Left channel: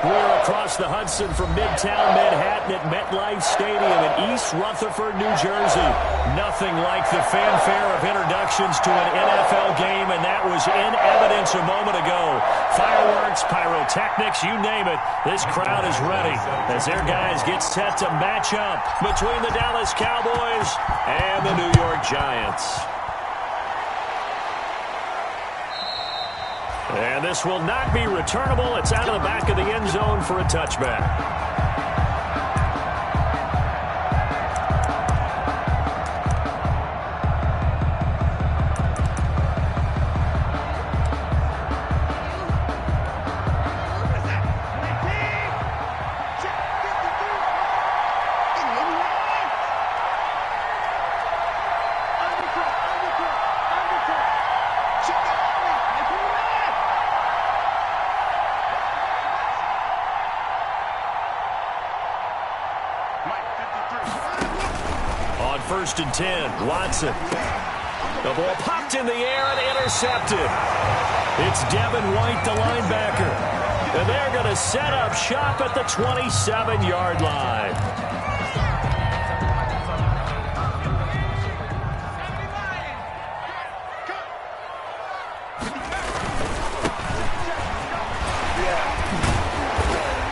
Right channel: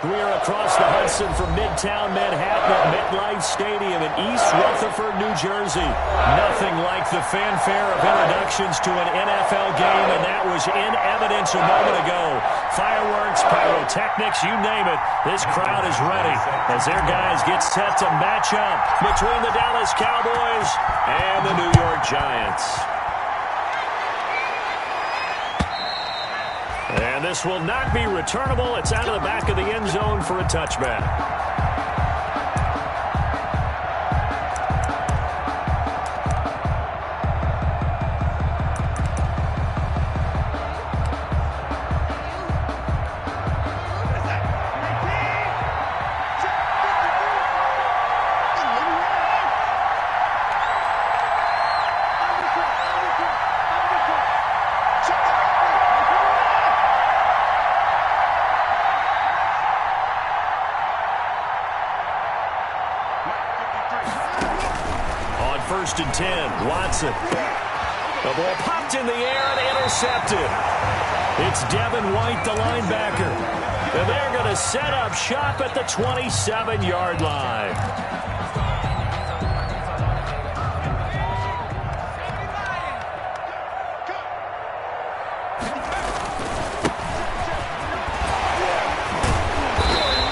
We're across the Hudson from Midtown Manhattan at MetLife Stadium in East Rutherford, New Jersey. Nothing like the fanfare of introductions to an NFL game, and that was in evidence a moment ago. Fireworks, pyrotechnics, you name it. This crowd is ready as their guys get set to match up between the Dallas Cowboys and the New York Giants. And this will not be returnable. It's out of the back of the end zone for a touchback. On 1st and 10, Watson. The ball popped in the air and intercepted. It's Devin White, the linebacker. And they're going to set up shop at the 27-yard line.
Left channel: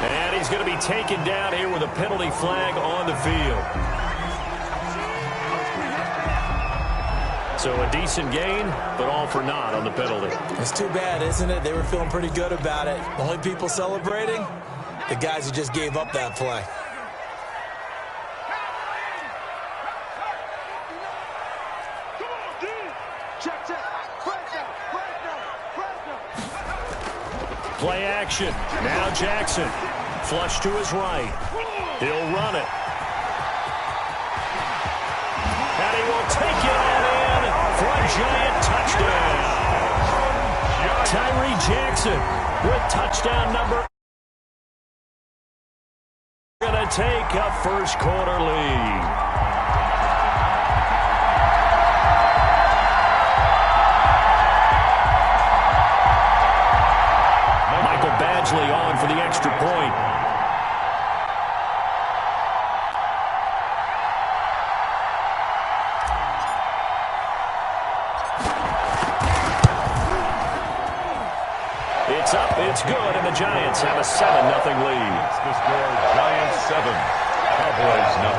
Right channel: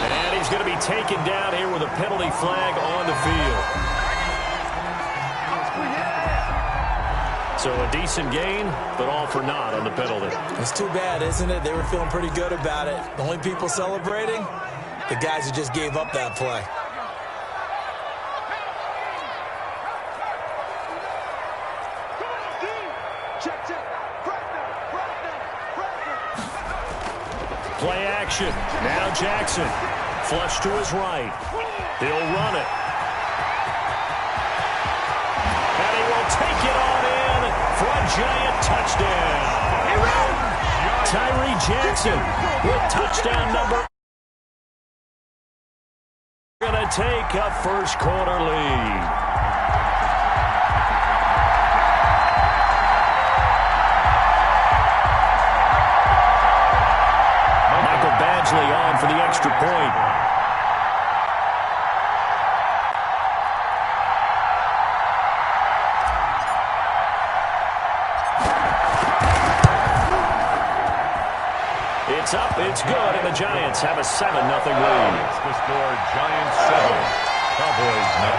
And he's going to be taken down here with a penalty flag on the field. So a decent gain, but all for naught on the penalty. It's too bad, isn't it? They were feeling pretty good about it. The only people celebrating? The guys who just gave up that play. Play action. Now Jackson. Flush to his right. He'll run it. And he will take it on in for a Giant touchdown. Tyree Jackson with touchdown number. Going to take a first quarter lead. Michael Badgley on for the extra point. It's up, it's good, and the Giants have a 7-0 lead. The score, Giants 7, Cowboys 0.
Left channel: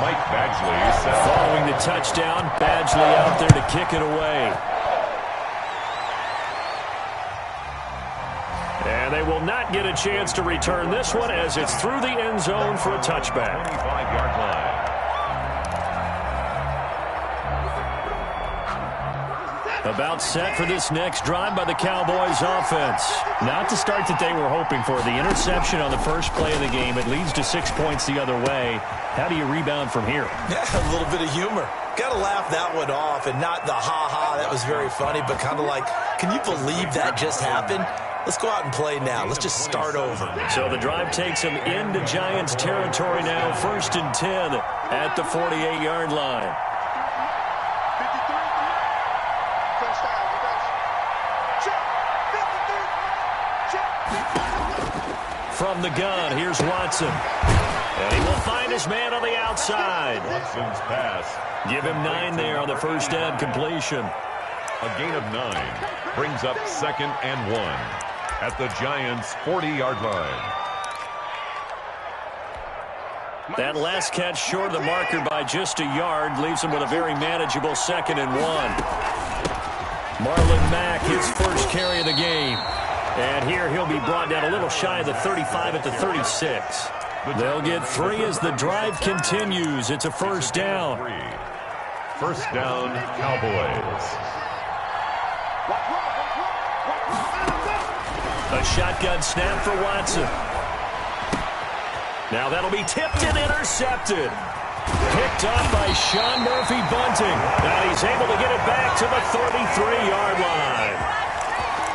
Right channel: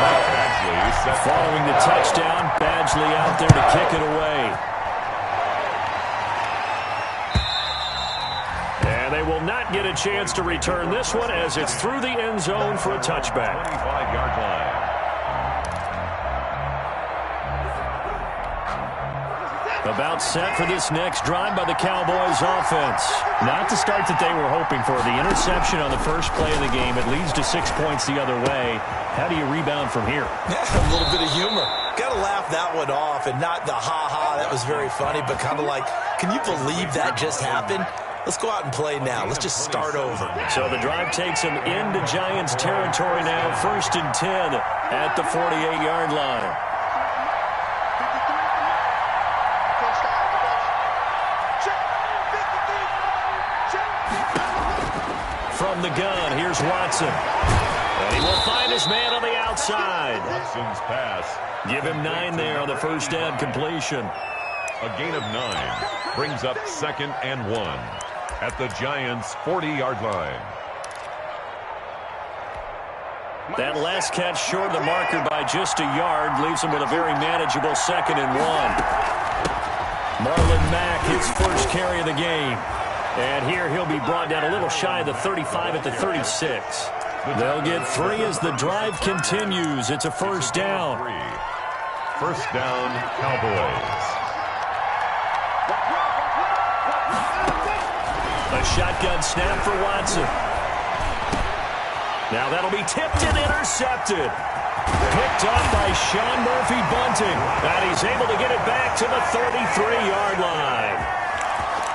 Mike Badgley set. Following the touchdown, Badgley out there to kick it away. And they will not get a chance to return this one as it's through the end zone for a touchback. 25-yard line. About set for this next drive by the Cowboys offense. Not the start that they were hoping for. The interception on the first play of the game. It leads to 6 points the other way. How do you rebound from here? Yeah, a little bit of humor. Got to laugh that one off, and not the ha-ha, that was very funny, but kind of like, can you believe that just happened? Let's go out and play now. Let's just start over. So the drive takes them into Giants territory now. 1st and 10 at the 48-yard line. From the gun, here's Watson. And he will find his man on the outside. Watson's pass. Give him 9 there on the first down completion. A gain of 9 brings up 2nd and 1 at the Giants' 40-yard line. That last catch short of the marker by just a yard leaves him with a very manageable 2nd and 1. Marlon Mack, his first carry of the game. And here he'll be brought down a little shy of the 35 at the 36. They'll get 3 as the drive continues. It's a first down. First down, Cowboys. A shotgun snap for Watson. Now that'll be tipped and intercepted. Picked up by Sean Murphy-Bunting. And he's able to get it back to the 33-yard line.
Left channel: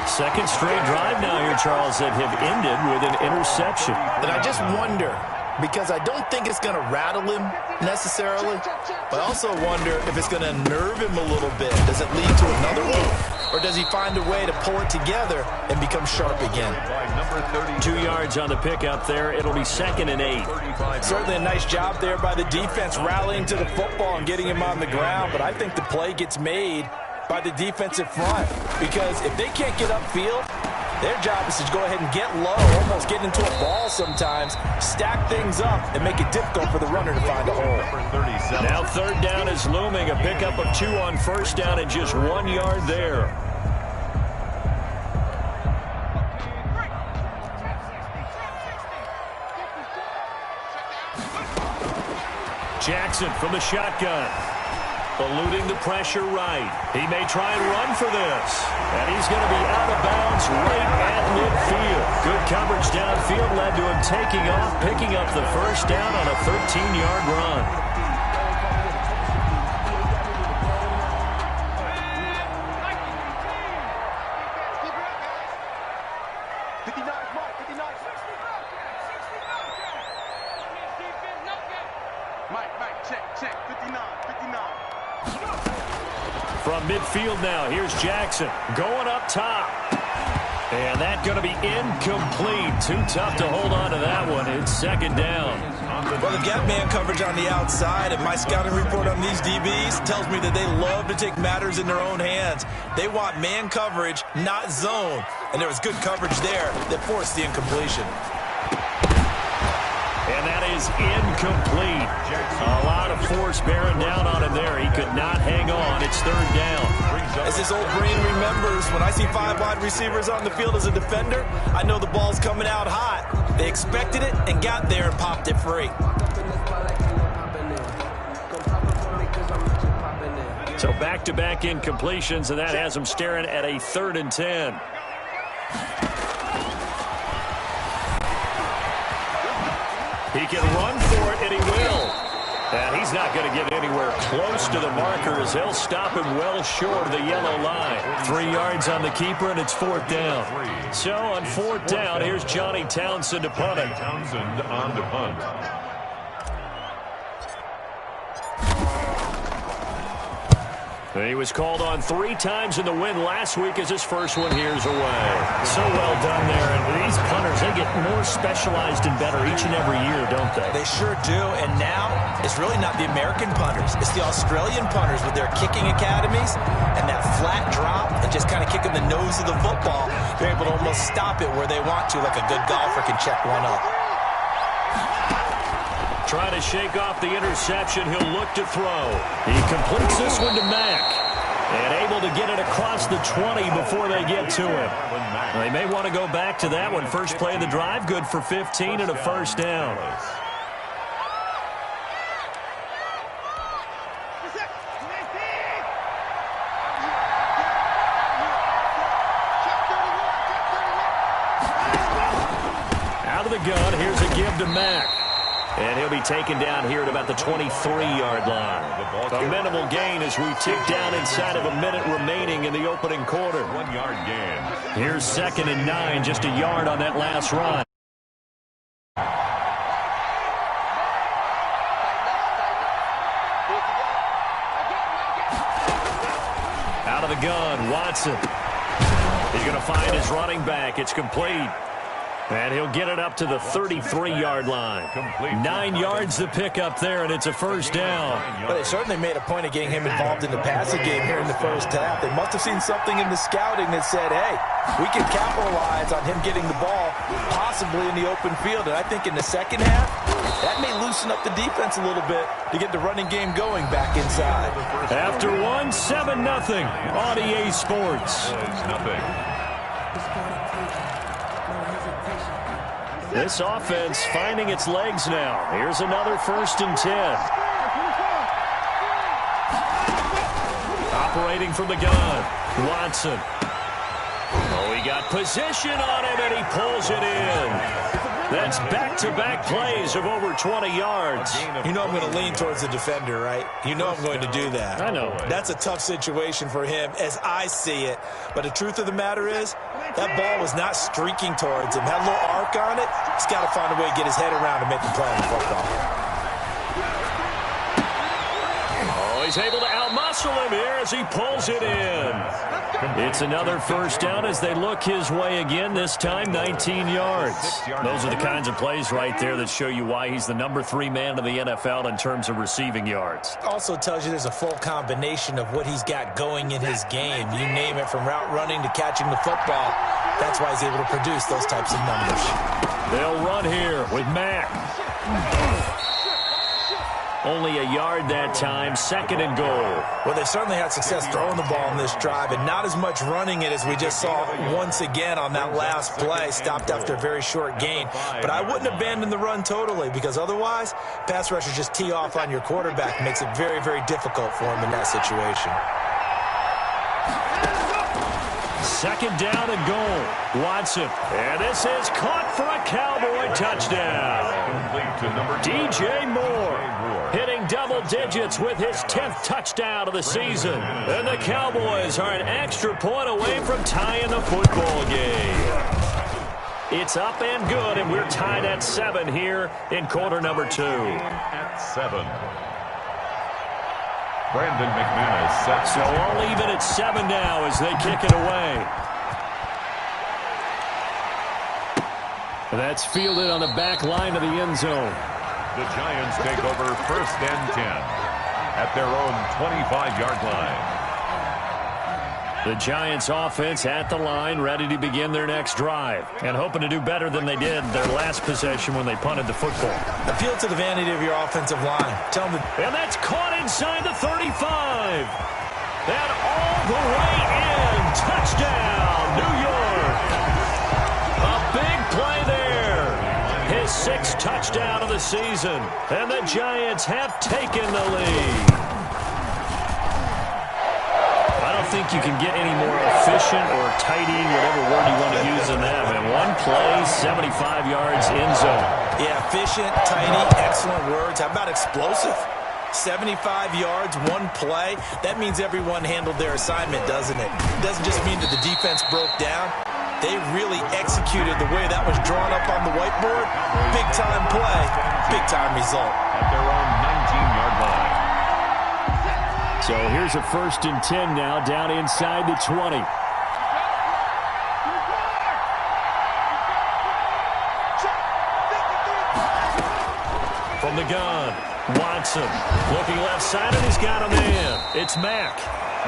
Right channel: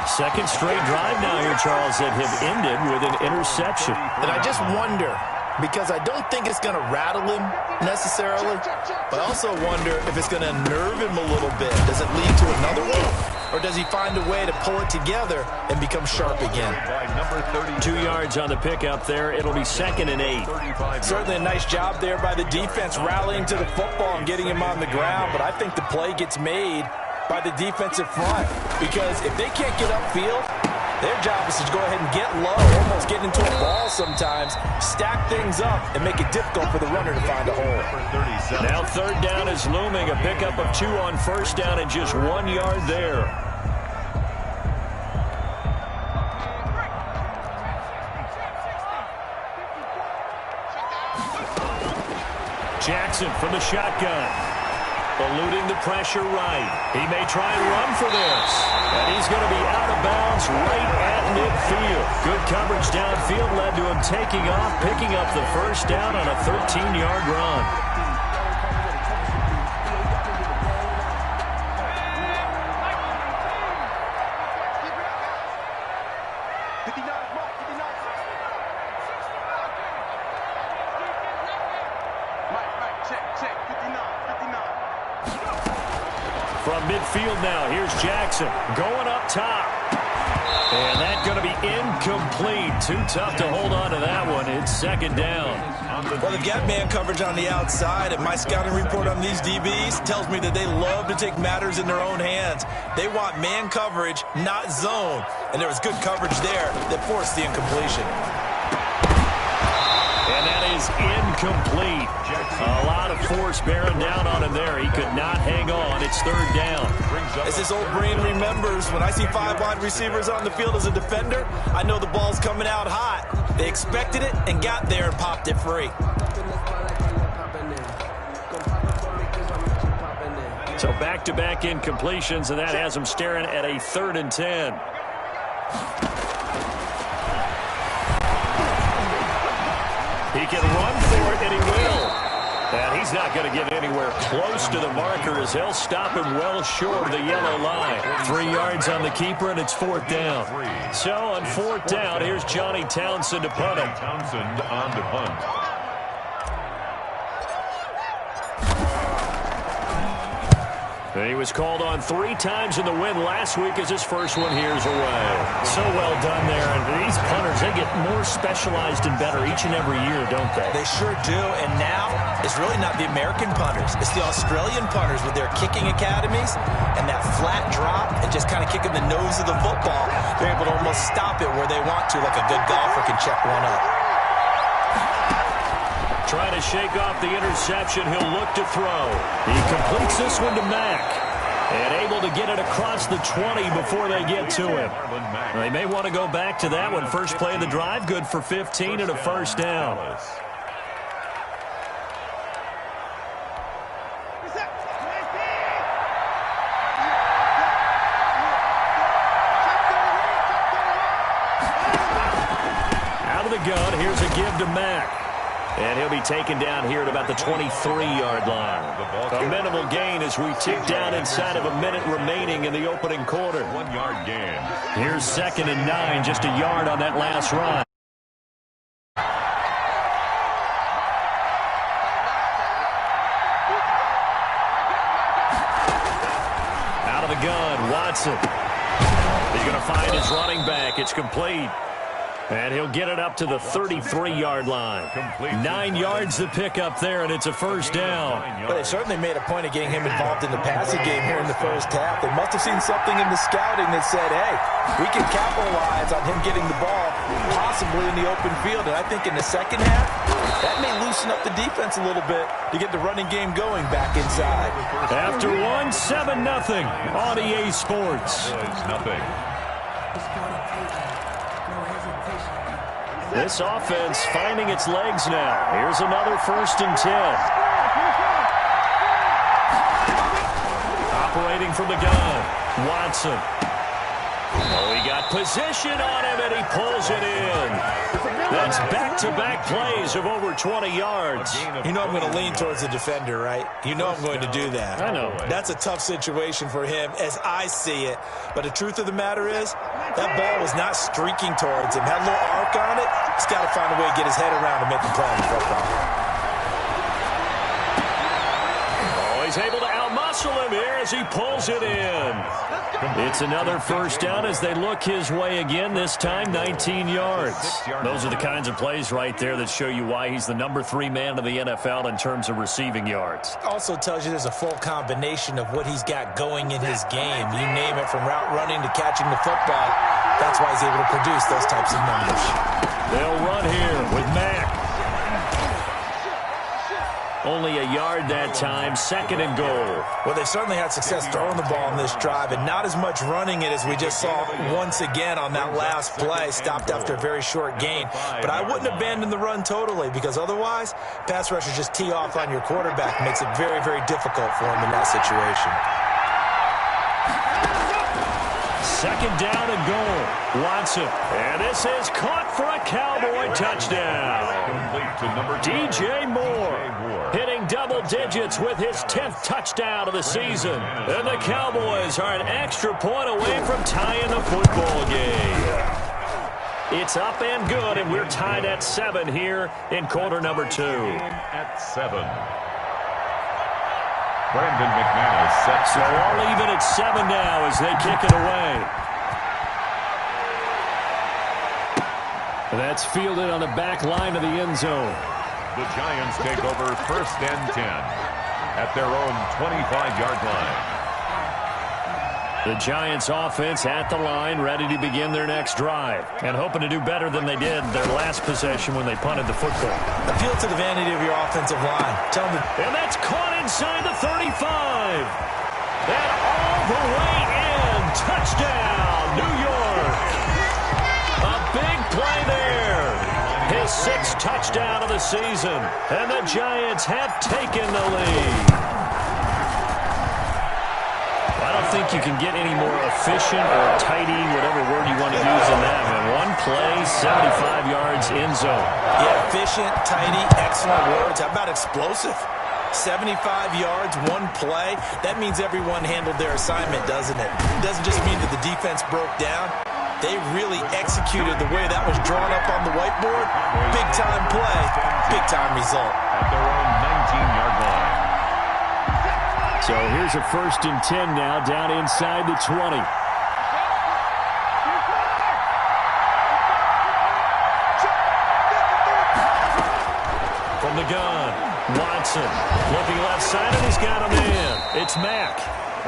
Second straight drive now here, Charles, that have ended with an interception. And I just wonder, because I don't think it's going to rattle him necessarily, but I also wonder if it's going to nerve him a little bit. Does it lead to another one? Or does he find a way to pull it together and become sharp again? 2 yards on the pickup there. It'll be 2nd and 8. Certainly a nice job there by the defense rallying to the football and getting him on the ground, but I think the play gets made by the defensive front, because if they can't get upfield, their job is to go ahead and get low, almost get into a ball sometimes, stack things up, and make it difficult for the runner to find a hole. Now 3rd down is looming. A pickup of 2 on 1st down and just 1 yard there. Jackson from the shotgun. Eluding the pressure right. He may try and run for this. And he's going to be out of bounds right at midfield. Good coverage downfield led to him taking off, picking up the 1st down on a 13-yard run. From midfield now, here's Jackson going up top. And that's going to be incomplete. Too tough to hold on to that one. It's 2nd down. Well, they've got man coverage on the outside, and my scouting report on these DBs tells me that they love to take matters in their own hands. They want man coverage, not zone. And there was good coverage there that forced the incompletion. And that is incomplete. A lot of force bearing down on him there. He could not hang on. It's 3rd down. As his old brain remembers, when I see 5 wide receivers on the field as a defender, I know the ball's coming out hot. They expected it and got there and popped it free. So back-to-back incompletions, and that has him staring at a 3rd and 10. He can run for it, and he will. And he's not going to get anywhere close to the marker as he'll stop him well short of the yellow line. 3 yards on the keeper, and it's 4th down. So on 4th down, here's Johnny Townsend to punt it. Townsend on to punt. He was called on 3 times in the win last week as his first one here's away. So well done there. And these punters, they get more specialized and better each and every year, don't they? They sure do. And now it's really not the American punters. It's the Australian punters with their kicking academies and that flat drop and just kind of kicking the nose of the football. They're able to almost stop it where they want to, like a good golfer can check one up. Trying to shake off the interception. He'll look to throw. He completes this one to Mack. And able to get it across the 20 before they get to him. They may want to go back to that one. First play of the drive, good for 15 and a 1st down. Out of the gun, here's a give to Mack. And he'll be taken down here at about the 23-yard line. A minimal gain as we tick down inside of a minute remaining in the opening quarter. 1 yard gain. Here's 2nd and 9, just a yard on that last run. Out of the gun, Watson. He's going to find his running back. It's complete. And he'll get it up to the 33-yard line. 9 yards to pick up there, and it's a 1st down. But they certainly made a point of getting him involved in the passing game here in the 1st half. They must have seen something in the scouting that said, hey, we can capitalize on him getting the ball possibly in the open field. And I think in the 2nd half, that may loosen up the defense a little bit to get the running game going back inside. After one, 7-0 on EA Sports. Nothing. This offense finding its legs now. Here's another 1st and 10. Operating from the gun, Watson. Oh, he got position on him, and he pulls it in. That's back-to-back plays of over 20 yards. You know I'm going to lean towards the defender, right? You know I'm going to do that. I know. That's a tough situation for him as I see it. But the truth of the matter is, that ball was not streaking towards him. Had a little arc on it. He's got to find a way to get his head around and make the play on the football. Oh, he's able to outmuscle hustle him here as he pulls it in. It's another first down as they look his way again, this time 19 yards. Those are the kinds of plays right there that show you why he's the number 3 man in the NFL in terms of receiving yards. Also tells you there's a full combination of what he's got going in his game. You name it, from route running to catching the football. That's why he's able to produce those types of numbers. They'll run here with Mack. Only a yard that time, 2nd and goal. Well, they've certainly had success throwing the ball in this drive, and not as much running it as we just saw once again on that last play. Stopped after a very short gain. But I wouldn't abandon the run totally, because otherwise, pass rushers just tee off on your quarterback. Makes it very, very difficult for him in that situation. 2nd down and goal. Watson. And this is caught for a Cowboy touchdown. DJ Moore hitting double digits with his 10th touchdown of the season. And the Cowboys are an extra point away from tying the football game. It's up and good, and we're tied at 7 here in quarter number 2. At 7. Brandon McManus sets. So all even at 7 now as they kick it away. That's fielded on the back line of the end zone. The Giants take over 1st and 10 at their own 25-yard line. The Giants offense at the line, ready to begin their next drive, and hoping to do better than they did their last possession when they punted the football. Appeal to the vanity of your offensive line. Tell them and that's caught inside the 35. And all the way in. Touchdown, New York. A big play there. His 6th touchdown of the season. And the Giants have taken the lead. I don't think you can get any more efficient or tidy, whatever word you want to use in that. Man, one play, 75 yards, end zone. Yeah, efficient, tidy, excellent words. How about explosive? 75 yards, one play. That means everyone handled their assignment, doesn't it? It doesn't just mean that the defense broke down. They really executed the way that was drawn up on the whiteboard. Big-time play, big-time result. At their own 19-yard line. So here's a 1st and 10 now, down inside the 20. From the gun, Watson looking left side, and he's got a man. It's Mack.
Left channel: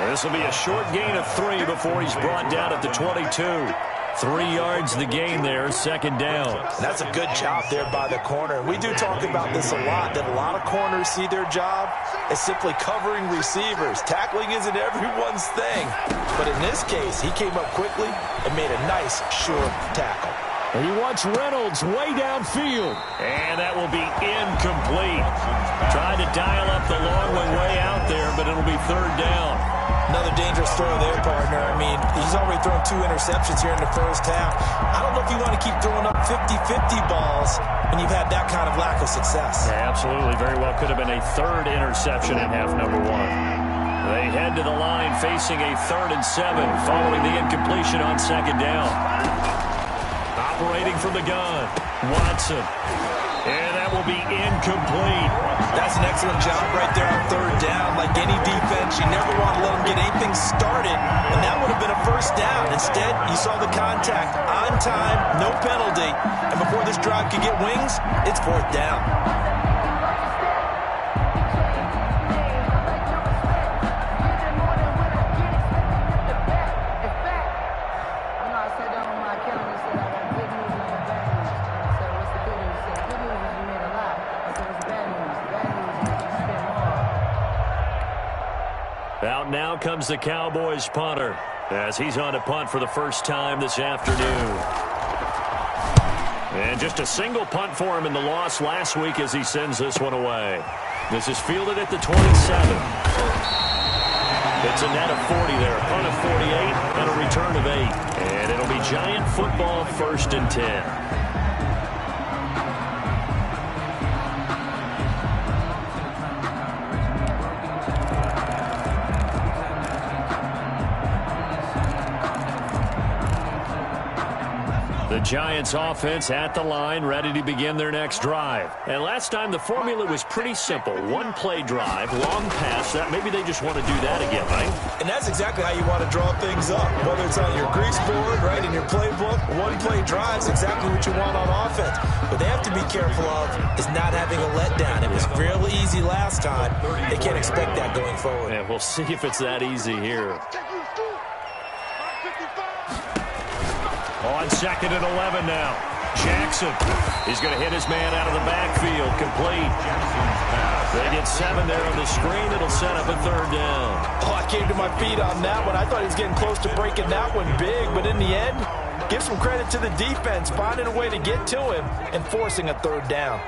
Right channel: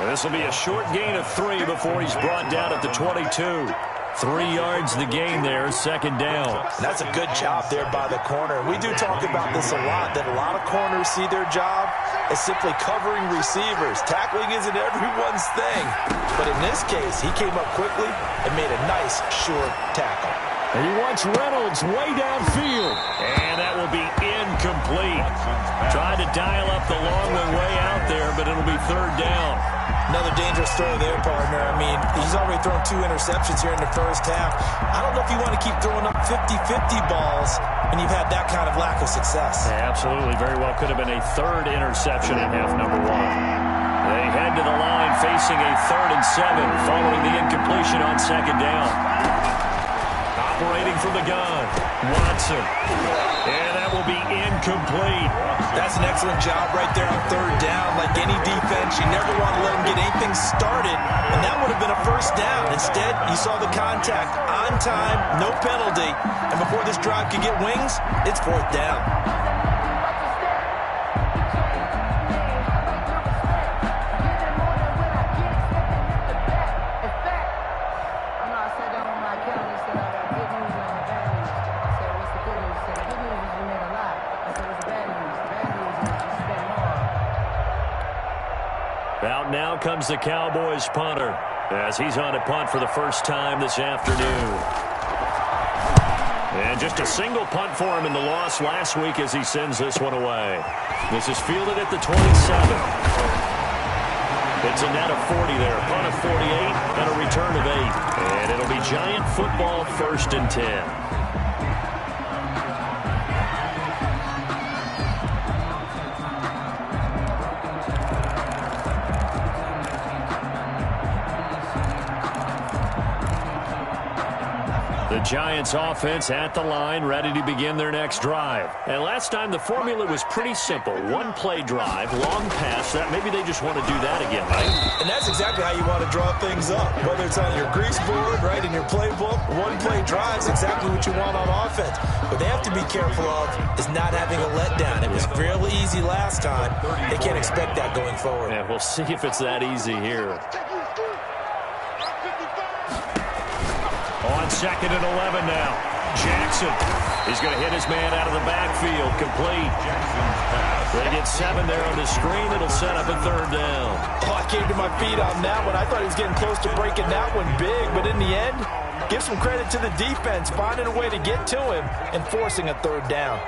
This will be a short gain of 3 before he's brought down at the 22. 3 yards the gain there, 2nd down. And that's a good job there by the corner. We do talk about this a lot, that a lot of corners see their job as simply covering receivers. Tackling isn't everyone's thing. But in this case, he came up quickly and made a nice, short tackle. And he wants Reynolds way downfield. And that will be incomplete. Tried to dial up the long one way out there, but it'll be 3rd down. Another dangerous throw there, partner. I mean, he's already thrown 2 interceptions here in the first half. I don't know if you want to keep throwing up 50-50 balls when you've had that kind of lack of success. Yeah, absolutely. Very well could have been a 3rd interception in half number 1. They head to the line facing a 3rd and 7 following the incompletion on 2nd down. Operating from the gun, Watson. And that will be incomplete. That's an excellent job right there on 3rd down. Like any defense, you never want to let them get anything started, and that would have been a 1st down. Instead, you saw the contact on time, no penalty, and before this drive could get wings, it's 4th down. Out now comes the Cowboys punter as he's on to punt for the first time this afternoon. And just a single punt for him in the loss last week as he sends this one away. This is fielded at the 27. It's a net of 40 there, a punt of 48, and a return of 8. And it'll be Giant football, 1st and 10. The Giants offense at the line, ready to begin their next drive. And last time the formula was pretty simple. One-play drive, long pass. That maybe they just want to do that again, right? And that's exactly how you want to draw things up. Whether it's on your grease board, right, in your playbook, one-play drive is exactly what you want on offense. What they have to be careful of is not having a letdown. It was real easy last time. They can't expect that going forward. Yeah, we'll see if it's that easy here. On 2nd and 11 now. Jackson. He's going to hit his man out of the backfield. Complete. They get 7 there on the screen. It'll set up a 3rd down. Oh, I came to my feet on that one. I thought he was getting close to breaking that one big, but in the end, give some credit to the defense, finding a way to get to him and forcing a 3rd down.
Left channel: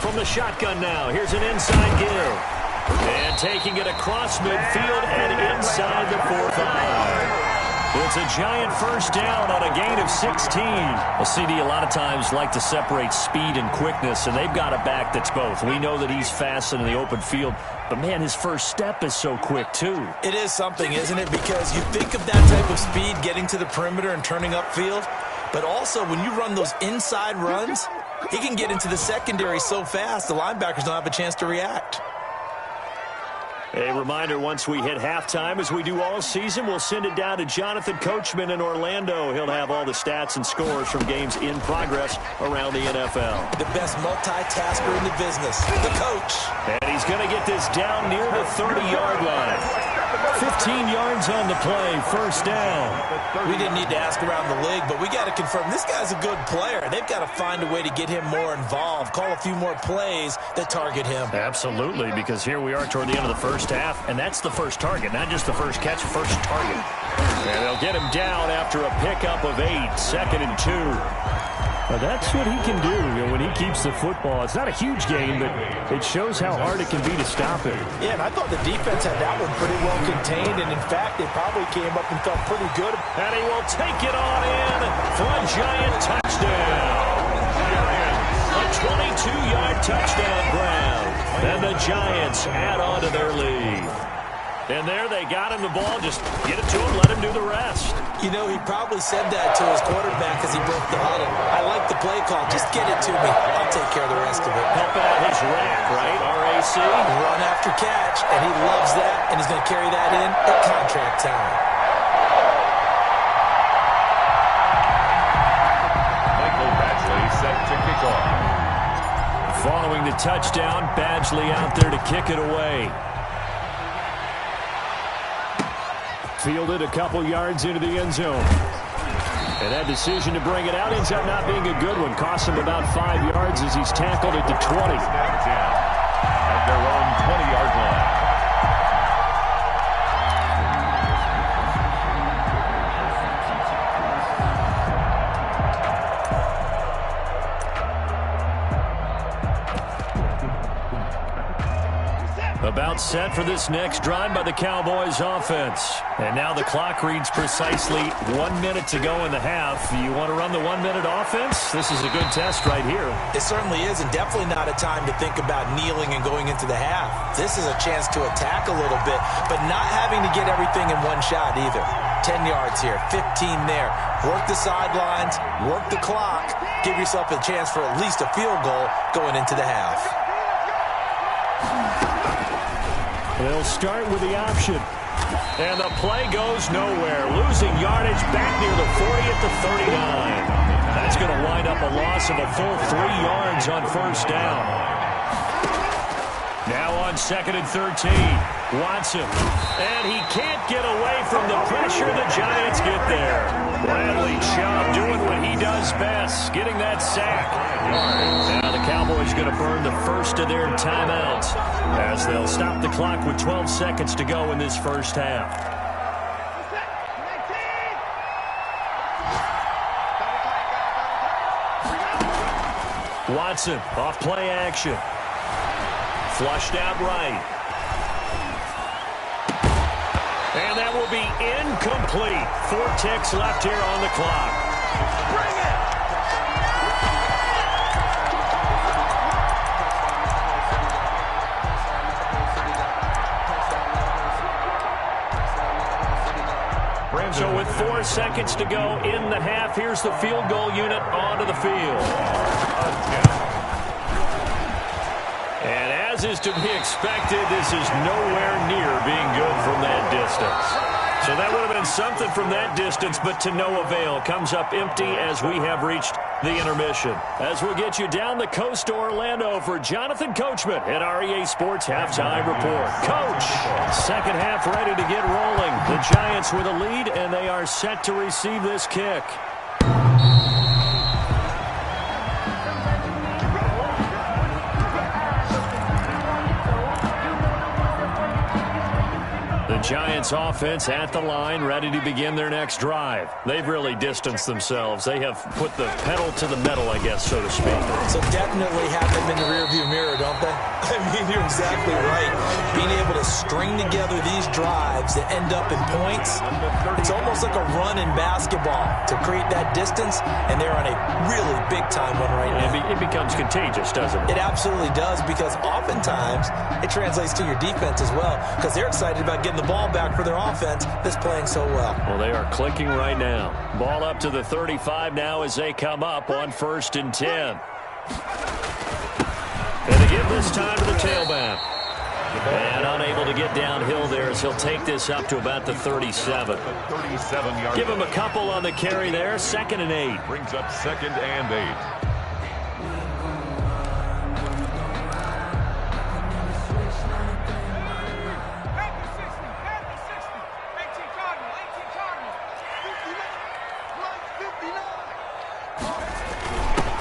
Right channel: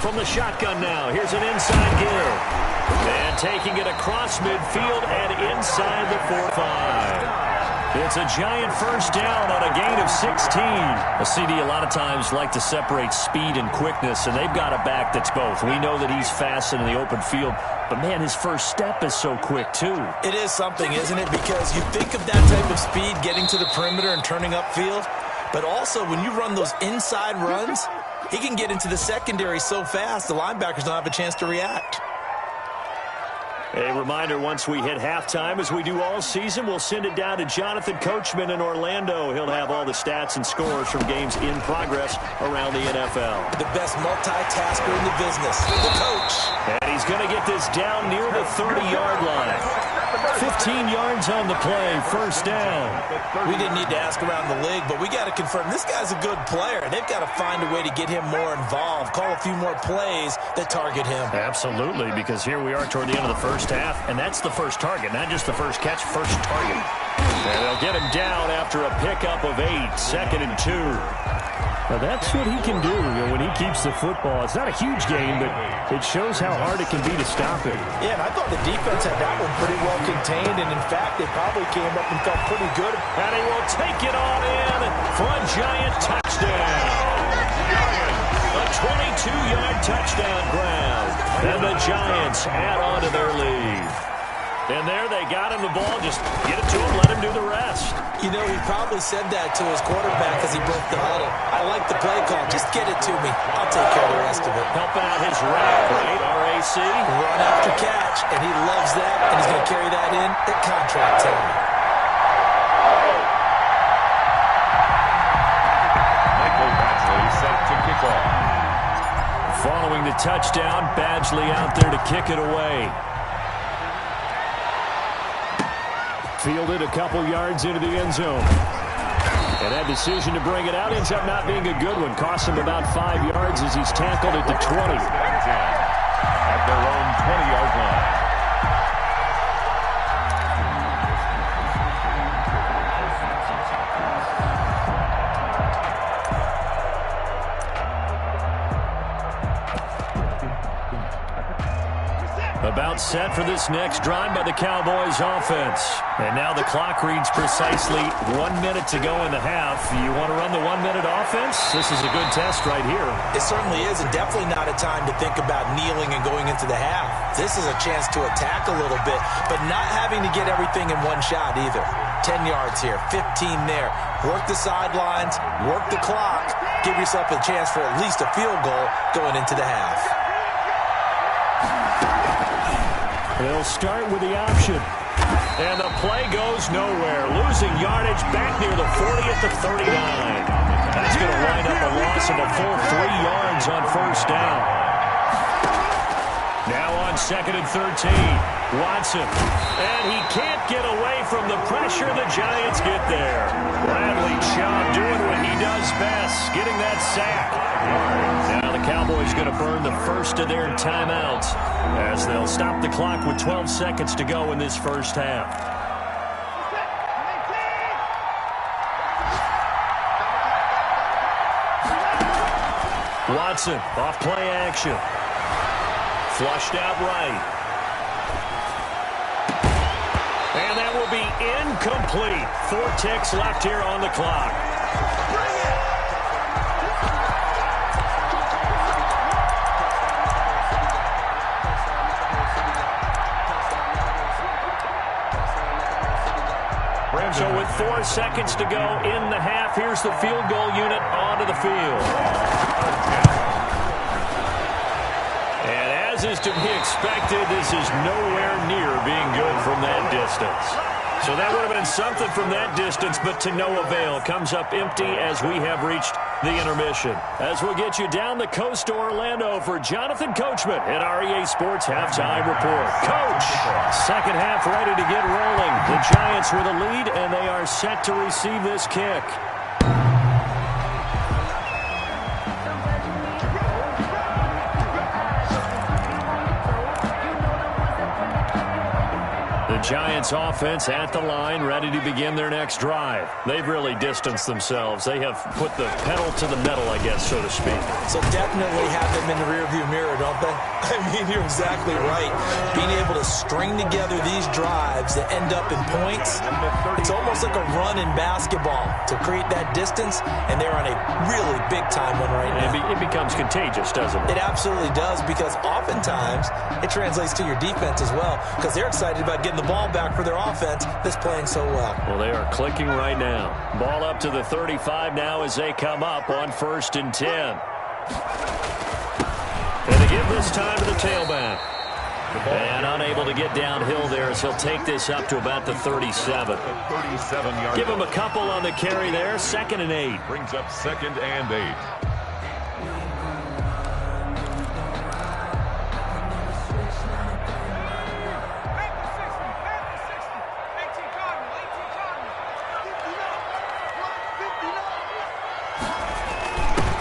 From the shotgun now, here's an inside give. And taking it across midfield and inside the 4-5. It's a Giant 1st down on a gain of 16. Well, CD, a lot of times like to separate speed and quickness, and they've got a back that's both. We know that he's fast in the open field, but, man, his first step is so quick, too. It is something, isn't it? Because you think of that type of speed getting to the perimeter and turning upfield, but also when you run those inside runs, he can get into the secondary so fast the linebackers don't have a chance to react. A reminder, once we hit halftime, as we do all season, we'll send it down to Jonathan Coachman in Orlando. He'll have all the stats and scores from games in progress around the NFL. The best multitasker in the business, the coach. And he's going to get this down near the 30-yard line. 15 yards on the play, 1st down. We didn't need to ask around the league, but we got to confirm this guy's a good player. They've got to find a way to get him more involved, call a few more plays that target him. Absolutely, because here we are toward the end of the first half, and that's the first target, not just the first catch, first target. And they'll get him down after a pickup of 8, 2nd and 2. Well, that's what he can do, when he keeps the football. It's not a huge gain, but it shows how hard it can be to stop him. Yeah, and I thought the defense had that one pretty well contained, and in fact, they probably came up and felt pretty good. And he will take it on in for a Giant touchdown. A 22-yard touchdown grab. And the Giants add on to their lead. And there they got him the ball. Just get it to him, let him do the rest. You know, he probably said that to his quarterback as he broke the huddle. I like the play call. Just get it to me. I'll take care of the rest of it. Helping out his RAC, right? R-A-C? Run after catch, and he loves that, and he's going to carry that in at contract time. Michael Badgley set to kick off. Following the touchdown, Badgley out there to kick it away. Fielded a couple yards into the end zone. And that decision to bring it out ends up not being a good one. Costs him about 5 yards as he's tackled at the 20. At their own 20-yard line. About set for this next drive by the Cowboys offense. And now the clock reads precisely 1 minute to go in the half. You want to run the 1-minute offense? This is a good test right here. It certainly is, and definitely not a time to think about kneeling and going into the half. This is a chance to attack a little bit, but not having to get everything in one shot either. 10 yards here, 15 there. Work the sidelines, work the clock. Give yourself a chance for at least a field goal going into the half. They'll start with the option. And the play goes nowhere. Losing yardage back near the 40 at the 39. That's going to wind up a loss of a full 3 yards on 1st down. Now on 2nd and 13. Watson. And he can't get away from the pressure. The Giants get there. Bradley Chubb doing what he does best, getting that sack. Now the Cowboys going to burn the first of their timeouts as they'll stop the clock with 12 seconds to go in this first half. Watson off play action. Flushed out right. And that will be incomplete. 4 ticks left here on the clock. Bring it! So with 4 seconds to go in the half, here's the field goal unit onto the field. And as is to be expected, this is nowhere near being good from that distance. So that would have been something from that distance, but to no avail. Comes up empty as we have reached the intermission. As we'll get you down the coast to Orlando for Jonathan Coachman at our EA Sports Halftime Report. Coach, second half ready to get rolling. The Giants with a lead, and they are set to receive this kick. The Giants offense at the line, ready to begin their next drive. They've really distanced themselves. They have put the pedal to the metal, I guess, so to speak. So definitely have them in the rearview mirror, don't they? I mean, you're exactly right. Being able to string together these drives that end up in points, it's almost like a run in basketball to create that distance, and they're on a really big-time one right now. It becomes contagious, doesn't it? It absolutely does, because oftentimes it translates to your defense as well, because they're excited about getting the ball back for their offense that's playing so well. Well, they are clicking right now. Ball up to the 35 now as they come up on 1st and 10. And they give this time to the tailback. And unable to get downhill there as he'll take this up to about the 37. Give him a couple on the carry there. 2nd and 8. Brings up 2nd and 8.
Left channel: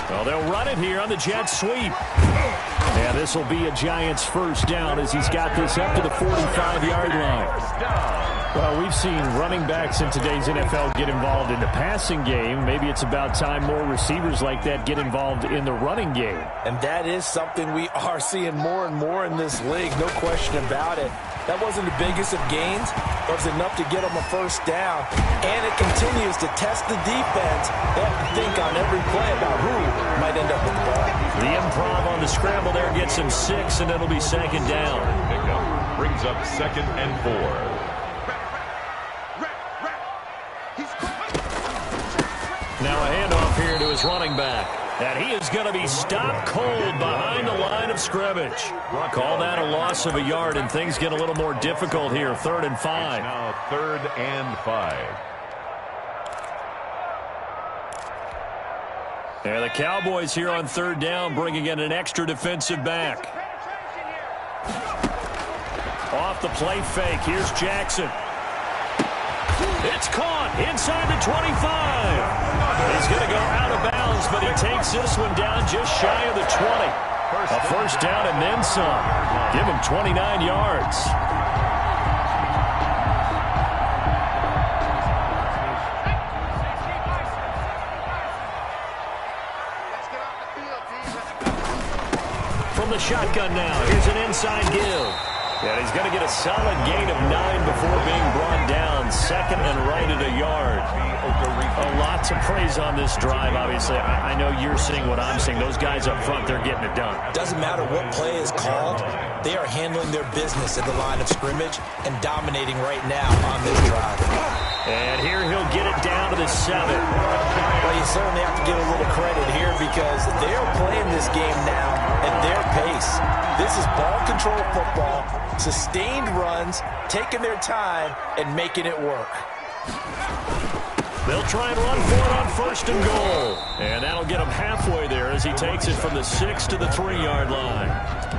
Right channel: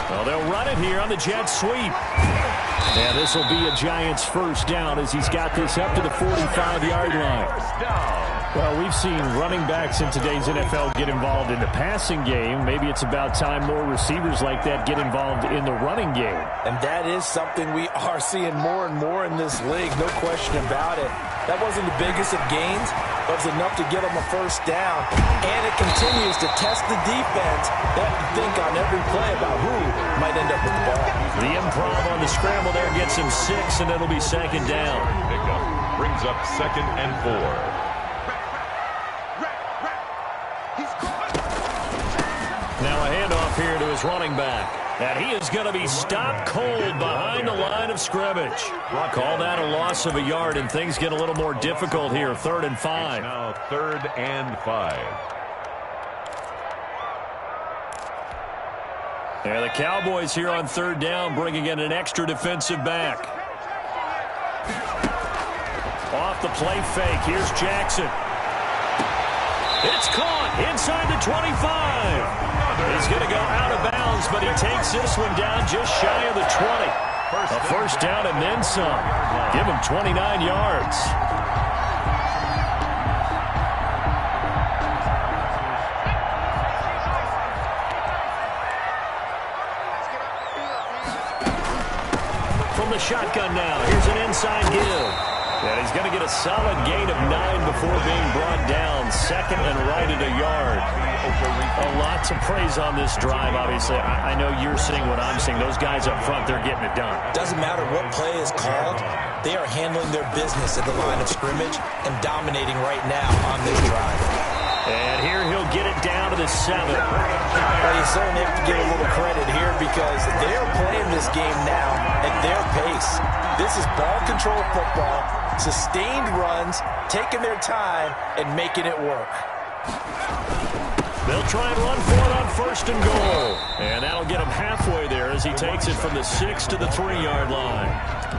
Well, they'll run it here on the jet sweep. Yeah, this will be a Giants first down as he's got this up to the 45-yard line. Well, we've seen running backs in today's NFL get involved in the passing game. Maybe it's about time more receivers like that get involved in the running game. And that is something we are seeing more and more in this league, no question about it. That wasn't the biggest of gains, but it was enough to get them a first down. And it continues to test the defense. They have to think on every play about who might end up with the ball. The improv on the scramble there gets him 6, and it'll be 2nd down. Pickup brings up 2nd and 4. Now a handoff here to his running back. And he is going to be stopped cold behind the line of scrimmage. Call that a loss of a yard, and things get a little more difficult here. 3rd and 5. Now 3rd and 5. And the Cowboys here on 3rd down, bringing in an extra defensive back. Off the play fake. Here's Jackson. It's caught inside the 25. He's going to go out of bounds, but he takes this one down just shy of the 20. A first down and then some. Give him 29 yards. From the shotgun now, here's an inside give. And he's going to get a solid gain of 9 before being brought down. 2nd and right at a yard. A lot to praise on this drive, obviously. I know you're seeing what I'm seeing. Those guys up front, they're getting it done. Doesn't matter what play is called. They are handling their business at the line of scrimmage and dominating right now on this drive. And here he'll get it down to the 7. Well, you certainly have to give a little credit here because they are playing this game now at their pace. This is ball control football, sustained runs, taking their time, and making it work. They'll try and run for it on 1st and goal. And that'll get him halfway there as he takes it from the 6 to the 3-yard line.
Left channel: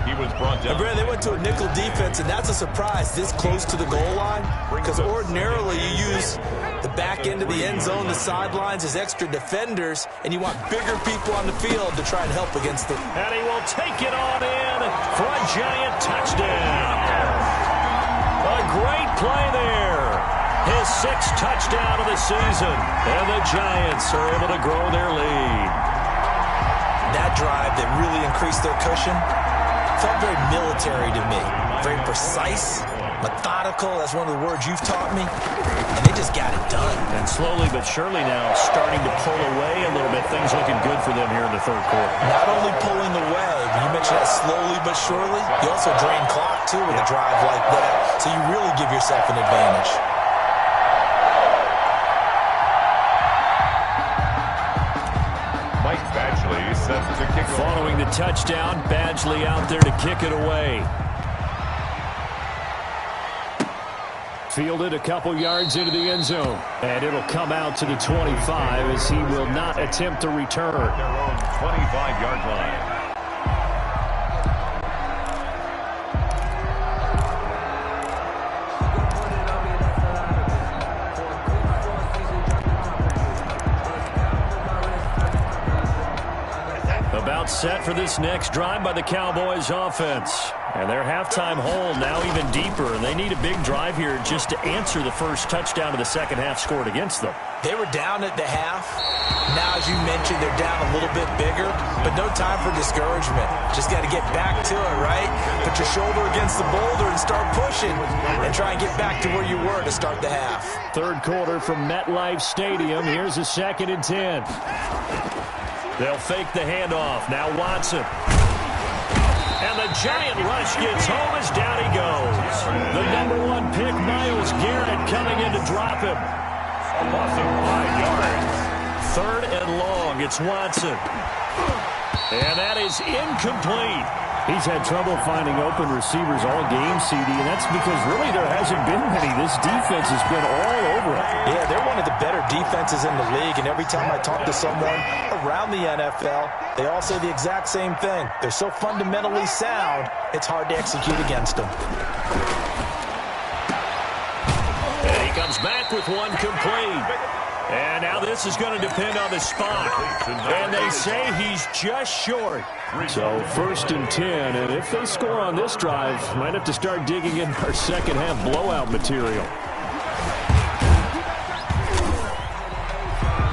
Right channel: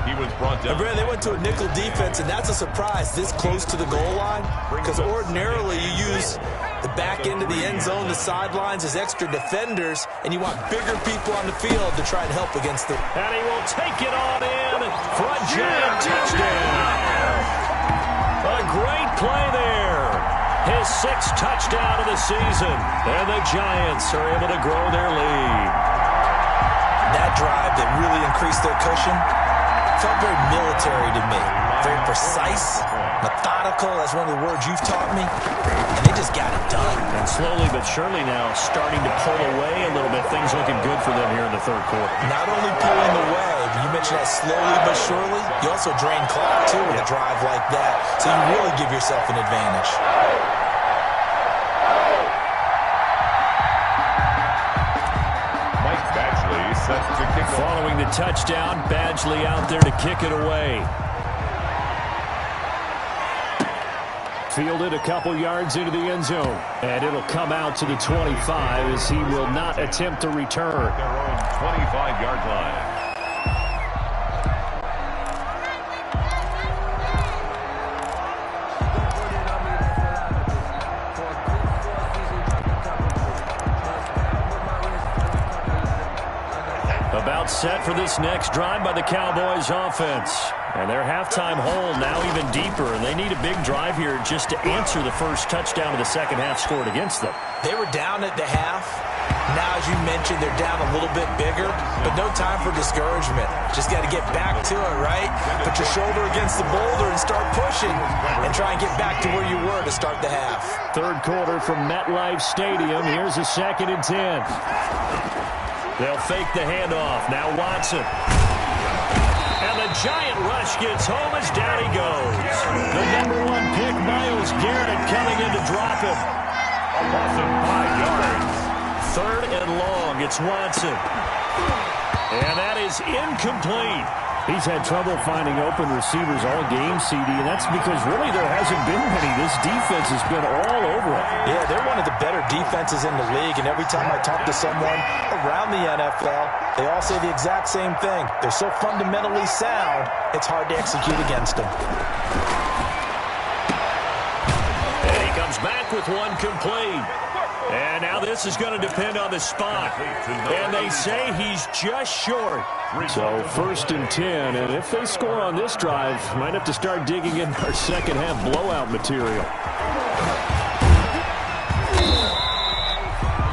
He was brought down. Brad, they went to a nickel defense, and that's a surprise this close to the goal line because ordinarily you use the back end of the end zone, the sidelines as extra defenders, and you want bigger people on the field to try and help against them. And he will take it on in for a Giant touchdown. A great play there. His 6th touchdown of the season. And the Giants are able to grow their lead. That drive that really increased their cushion felt very military to me. Very precise, methodical. That's one of the words you've taught me. And they just got it done. And slowly but surely now starting to pull away a little bit. Things looking good for them here in the 3rd quarter. Not only pulling away, but you mentioned that slowly but surely. You also drain clock, too, with a drive like that. So you really give yourself an advantage. Badgley set to kick off. Following the touchdown, Badgley out there to kick it away. Fielded a couple yards into the end zone. And it'll come out to the 25 as he will not attempt to return. Their own 25-yard line. About set for this next drive by the Cowboys offense. And their halftime hole now even deeper, and they need a big drive here just to answer the first touchdown of the second half scored against them. They were down at the half. Now, as you mentioned, they're down a little bit bigger, but no time for discouragement. Just got to get back to it, right? Put your shoulder against the boulder and start pushing and try and get back to where you were to start the half. Third quarter from MetLife Stadium. Here's a 2nd and 10. They'll fake the handoff. Now Watson. And the giant rush gets home as down he goes. The #1 pick, Myles Garrett, coming in to drop him. A loss of 5 yards. 3rd and long. It's Watson. And that is incomplete. He's had trouble finding open receivers all game, CD, and that's because really there hasn't been many. This defense has been all over it. Yeah, they're one of the better defenses in the league, and every time I talk to someone around the NFL, they all say the exact same thing. They're so fundamentally sound, it's hard to execute against them. And he comes back with one complete. And now this is going to depend on the spot. And they say he's just short. So 1st and 10, and if they score on this drive, might have to start digging in our second half blowout material.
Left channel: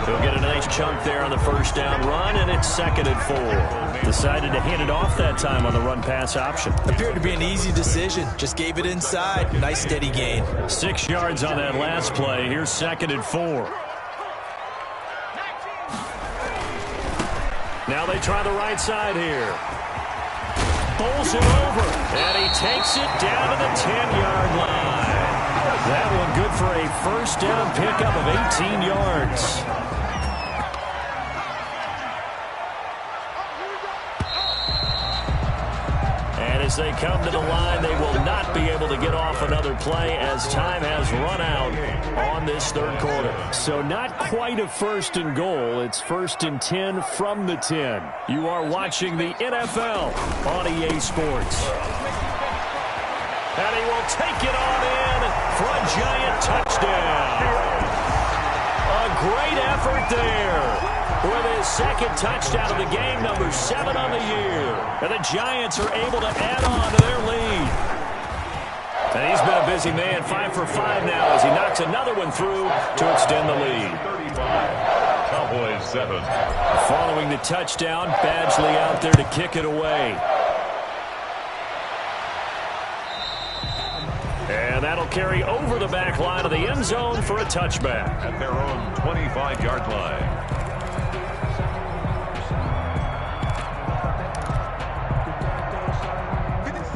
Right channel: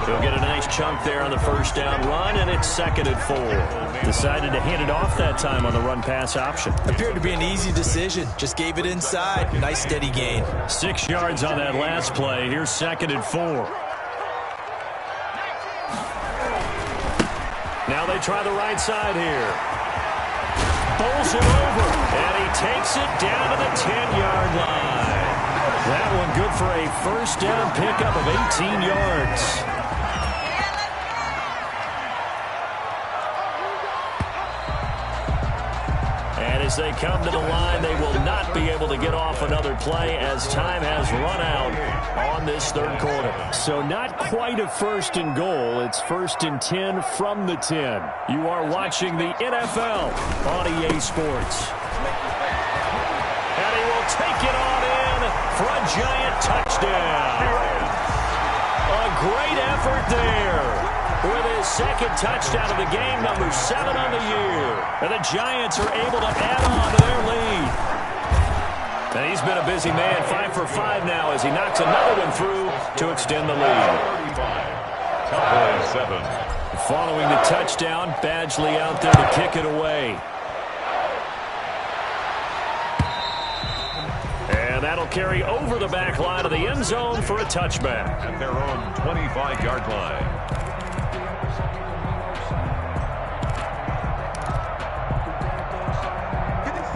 He'll get a nice chunk there on the first down run, and it's 2nd and 4. Decided to hand it off that time on the run-pass option. Appeared to be an easy decision. Just gave it inside. Nice steady gain. 6 yards on that last play. Here's 2nd and 4. Now they try the right side here. Bowls it over, and he takes it down to the 10-yard line. That one good for a first down pickup of 18 yards. And as they come to the line, they will not be able to get off another play as time has run out on this third quarter. So not quite a 1st and goal. It's 1st and 10 from the 10. You are watching the NFL on EA Sports. And he will take it on in for a giant touchdown. A great effort there. With his 2nd touchdown of the game, number 7 on the year. And the Giants are able to add on to their lead. And he's been a busy man, 5 for 5 now as he knocks another one through to extend the lead. 35. Cowboys 7. Following the touchdown, Badgley out there to kick it away. And that'll carry over the back line of the end zone for a touchback. At their own 25-yard line.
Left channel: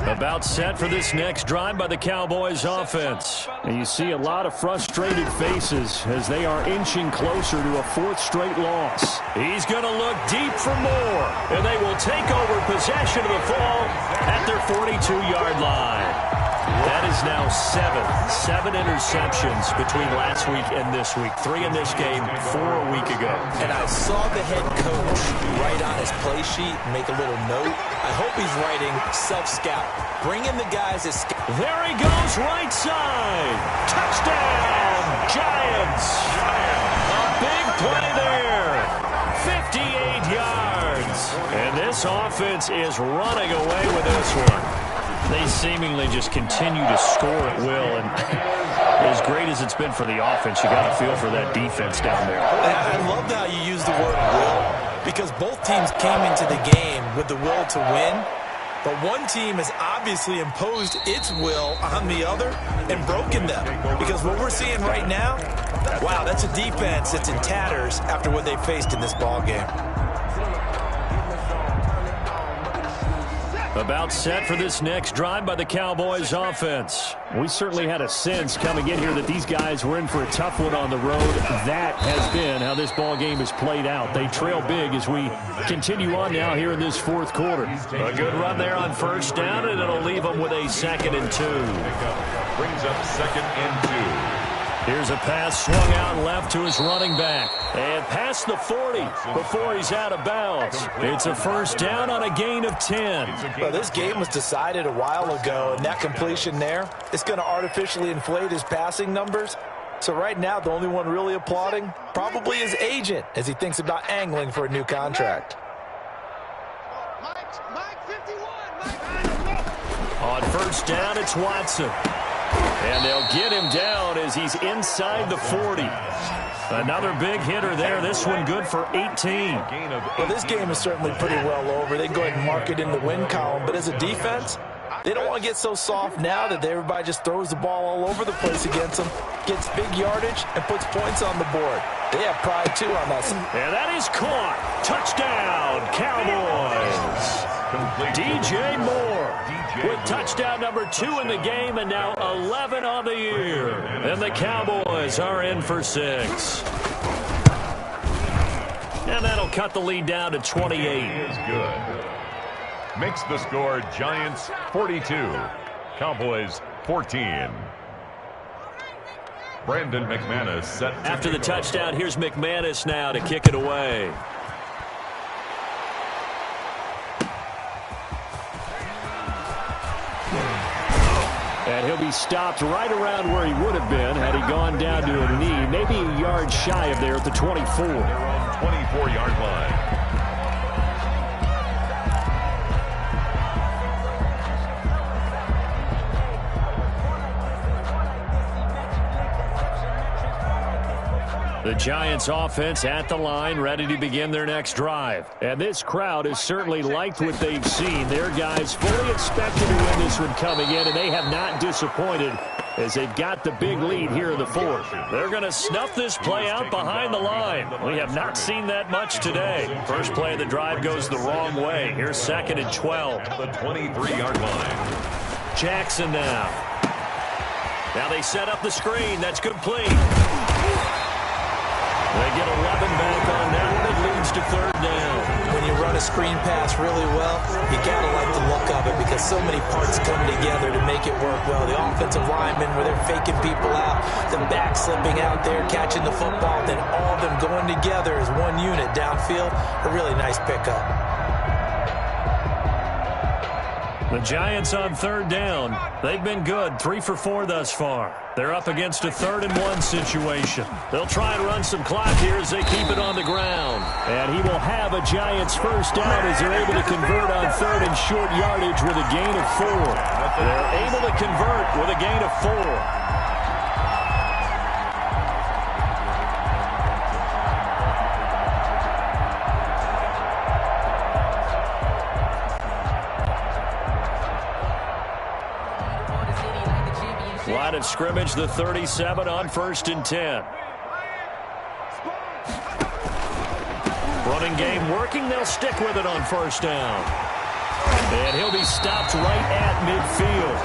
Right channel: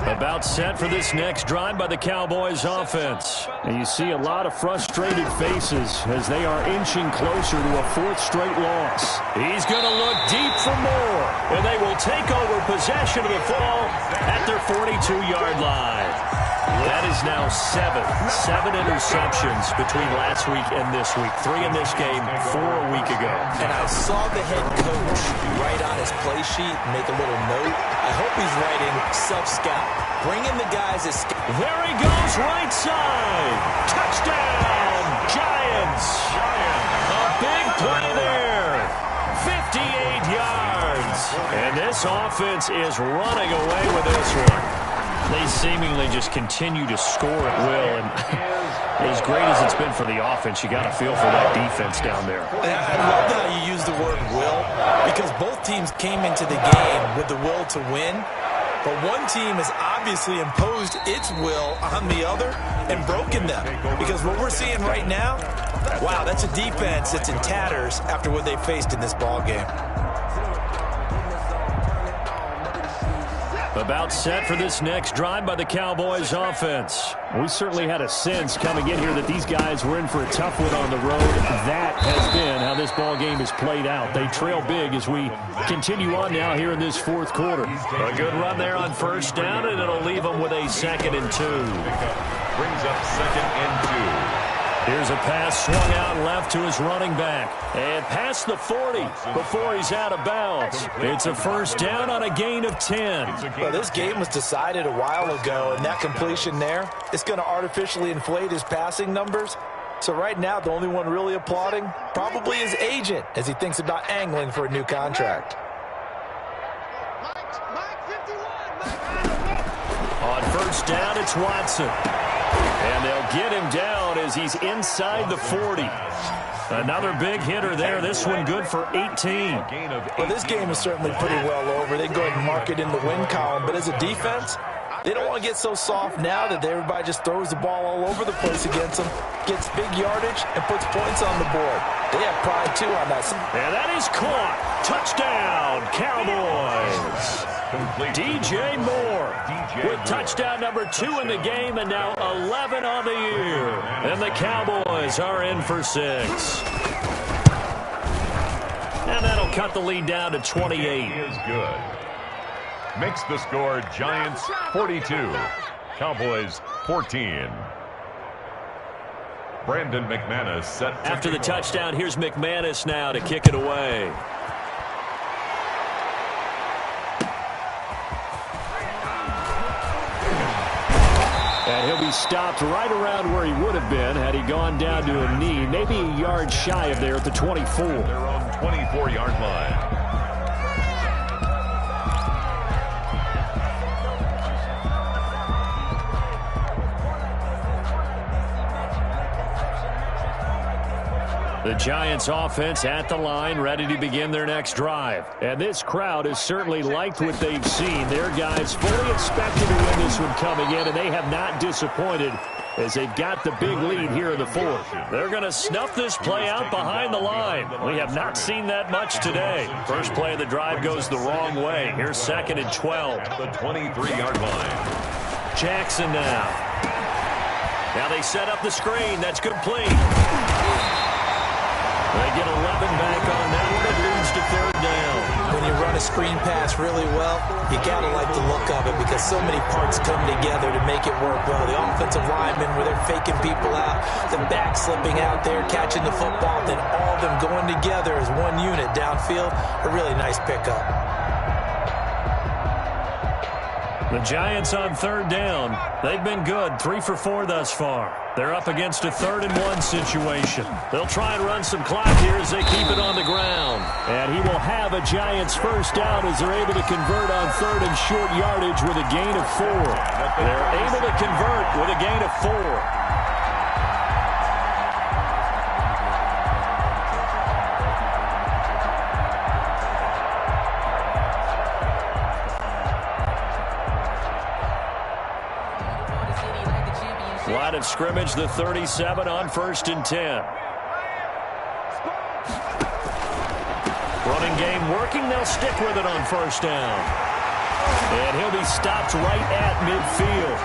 About set for this next drive by the Cowboys offense. And you see a lot of frustrated faces as they are inching closer to a 4th straight loss. He's going to look deep for more. And they will take over possession of the ball at their 42-yard line. That is now 7 interceptions between last week and this week. 3 in this game, 4 a week ago. And I saw the head coach write on his play sheet and make a little note. I hope he's writing self-scout. Bring in the guys as there he goes, right side. Touchdown, Giants. A big play there. 58 yards. And this offense is running away with this one. They seemingly just continue to score at will, and as great as it's been for the offense, you got to feel for that defense down there. I love how you use the word will, because both teams came into the game with the will to win, but one team has obviously imposed its will on the other and broken them, because what we're seeing right now, wow, that's a defense that's in tatters after what they faced in this ball game. About set for this next drive by the Cowboys offense. We certainly had a sense coming in here that these guys were in for a tough one on the road. That has been how this ball game is played out. They trail big as we continue on now here in this fourth quarter. A good run there on first down, and it'll leave them with a 2nd and 2. Brings up 2nd and 2. Here's a pass swung out left to his running back. And past the 40 before he's out of bounds. It's a first down on a gain of 10. Well, this game was decided a while ago, and that completion there, it's going to artificially inflate his passing numbers. So right now, the only one really applauding probably his agent as he thinks about angling for a new contract. On first down, it's Watson. And they'll get him down as he's inside the 40. Another big hitter there. This one good for 18. Well, this game is certainly pretty well over. They can go ahead and mark it in the win column. But as a defense, they don't want to get so soft now that everybody just throws the ball all over the place against them, gets big yardage, and puts points on the board. They have pride, too, on that side. And that is caught. Touchdown, Cowboys. DJ Moore with touchdown number 2 in the game, and now 11 on the year. And the Cowboys are in for 6. And that'll cut the lead down to 28. He is good. Makes the score Giants 42, Cowboys 14. Brandon McManus set after the touchdown. Here's McManus now to kick it away. And he'll be stopped right around where he would have been had he gone down to a knee, maybe a yard shy of there at the 24. Their own 24-yard line. The Giants offense at the line, ready to begin their next drive. And this crowd has certainly liked what they've seen. Their guys fully expected to win this one coming in, and they have not disappointed as they've got the big lead here in the fourth. They're going to snuff this play out behind the line. We have not seen that much today. First play of the drive goes the wrong way. Here's 2nd and 12. At the 23-yard line. Jackson now. Now they set up the screen. That's complete. They get 11 back on that one. It leads to 3rd down. When you run a screen pass really well, you got to like the look of it because so many parts come together to make it work well. The offensive linemen, where they're faking people out, the back slipping out there, catching the football, then all of them going together as one unit downfield. A really nice pickup. The Giants on 3rd down. They've been good, 3 for 4 thus far. They're up against a 3rd and 1 situation. They'll try and run some clock here as they keep it on the ground. And he will have a Giants first down as they're able to convert on 3rd and short yardage with a gain of 4. They're able to convert with a gain of 4. Line of scrimmage, the 37 on 1st and 10. Running game working. They'll stick with it on 1st down. And he'll be stopped right at midfield.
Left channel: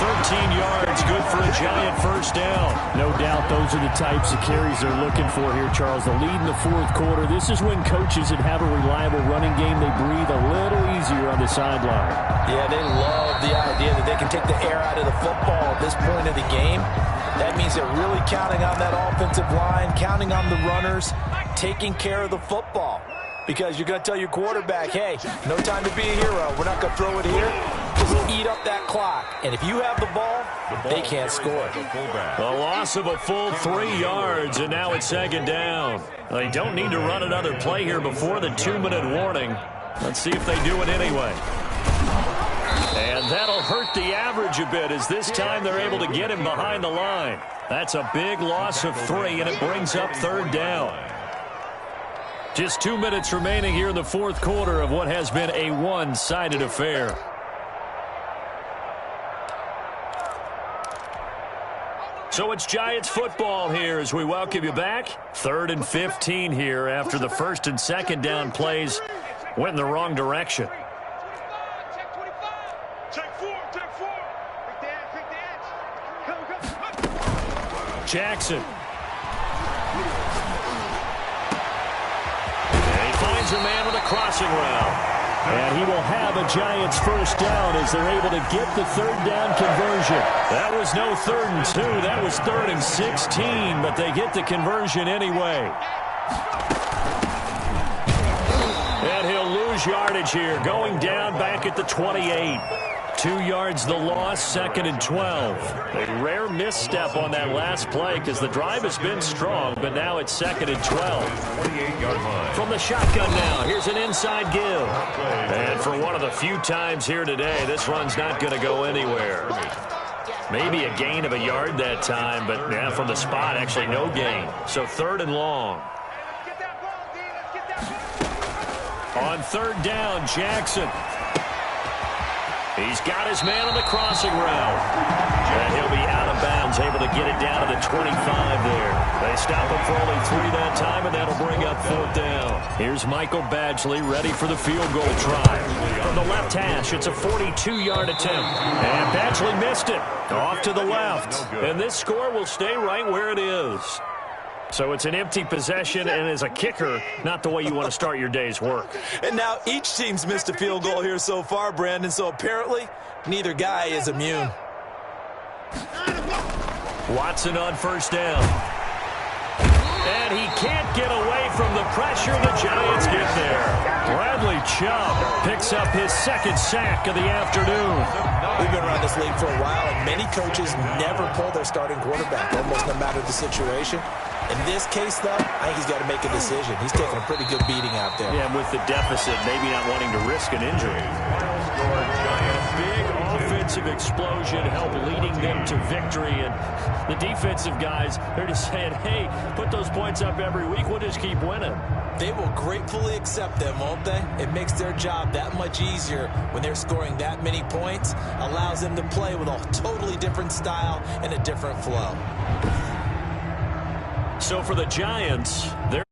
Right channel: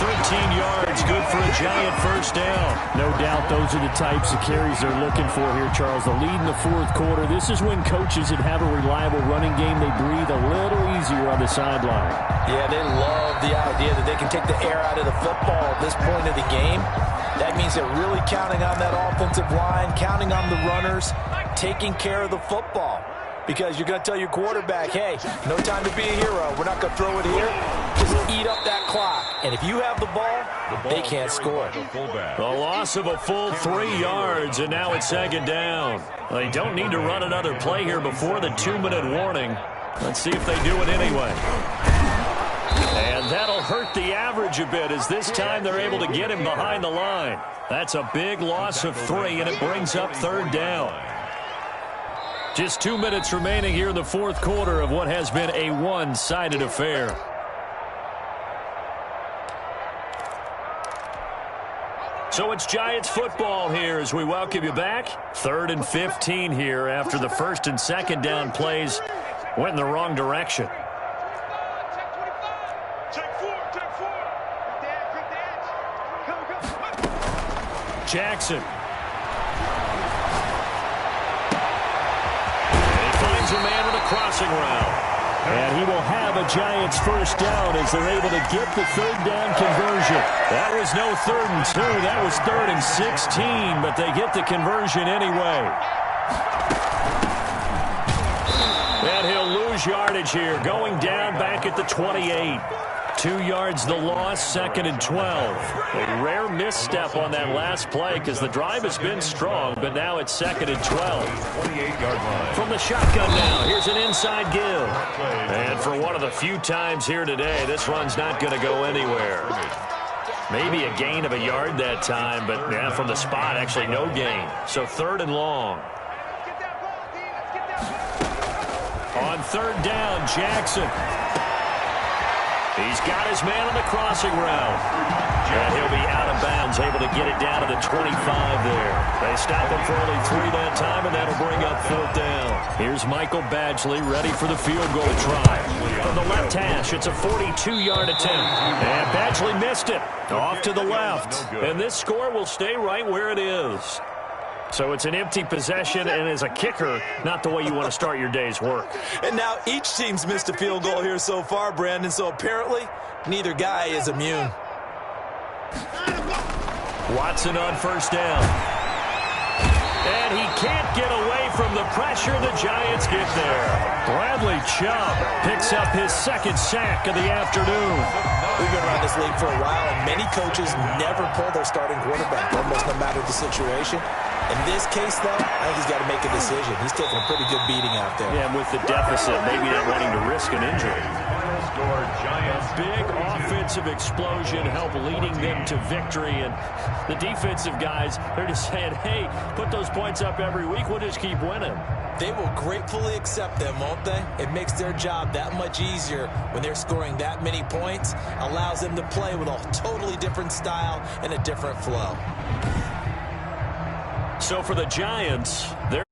13 yards, good for a Giant first down. No doubt those are the types of carries they're looking for here, Charles. The lead in the 4th quarter. This is when coaches that have a reliable running game, they breathe a little easier on the sideline. Yeah, they love the idea that they can take the air out of the football at this point of the game. That means they're really counting on that offensive line, counting on the runners, taking care of the football. Because you're going to tell your quarterback, hey, no time to be a hero. We're not going to throw it here. Just eat up that clock. And if you have the ball they can't score. The loss of a full 3 yards, and now it's 2nd down. They don't need to run another play here before the 2-minute warning. Let's see if they do it anyway. And that'll hurt the average a bit as this time they're able to get him behind the line. That's a big loss of 3, and it brings up 3rd down. Just 2 minutes remaining here in the 4th quarter of what has been a one-sided affair. So it's Giants football here as we welcome you back. 3rd and 15 here after the 1st and 2nd down plays went in the wrong direction. Jackson. And he finds a man with a crossing route. And he will have a Giants first down as they're able to get the third down conversion. That was no 3rd and 2. That was 3rd and 16, but they get the conversion anyway. And he'll lose yardage here, going down back at the 28. 2 yards the loss, 2nd and 12. A rare misstep on that last play because the drive has been strong, but now it's 2nd and 12. 28-yard line. From the shotgun now, here's an inside give. And for one of the few times here today, this run's not going to go anywhere. Maybe a gain of a yard that time, but yeah, from the spot, actually no gain. So 3rd and long. On 3rd down, Jackson. He's got his man on the crossing route. And he'll be out of bounds, able to get it down to the 25 there. They stop him for only 3 that time, and that'll bring up 4th down. Here's Michael Badgley ready for the field goal try. From the left hash, it's a 42-yard attempt. And Badgley missed it. Off to the left. And this score will stay right where it is. So it's an empty possession, and as a kicker, not the way you want to start your day's work. And now each team's missed a field goal here so far, Brandon, so apparently neither guy is immune. Watson on 1st down. And he can't get away from the pressure. The Giants get there. Bradley Chubb picks up his 2nd sack of the afternoon. We've been around this league for a while, and many coaches never pull their starting quarterback, almost no matter the situation. In this case, though, I think he's got to make a decision. He's taking a pretty good beating out there. Yeah, and with the deficit, maybe not wanting to risk an injury. Final score, Giants. A big offensive explosion help leading them to victory. And the defensive guys, they're just saying, hey, put those points up every week. We'll just keep winning. They will gratefully accept them, won't they? It makes their job that much easier when they're scoring that many points. Allows them to play with a totally different style and a different flow. So for the Giants, they're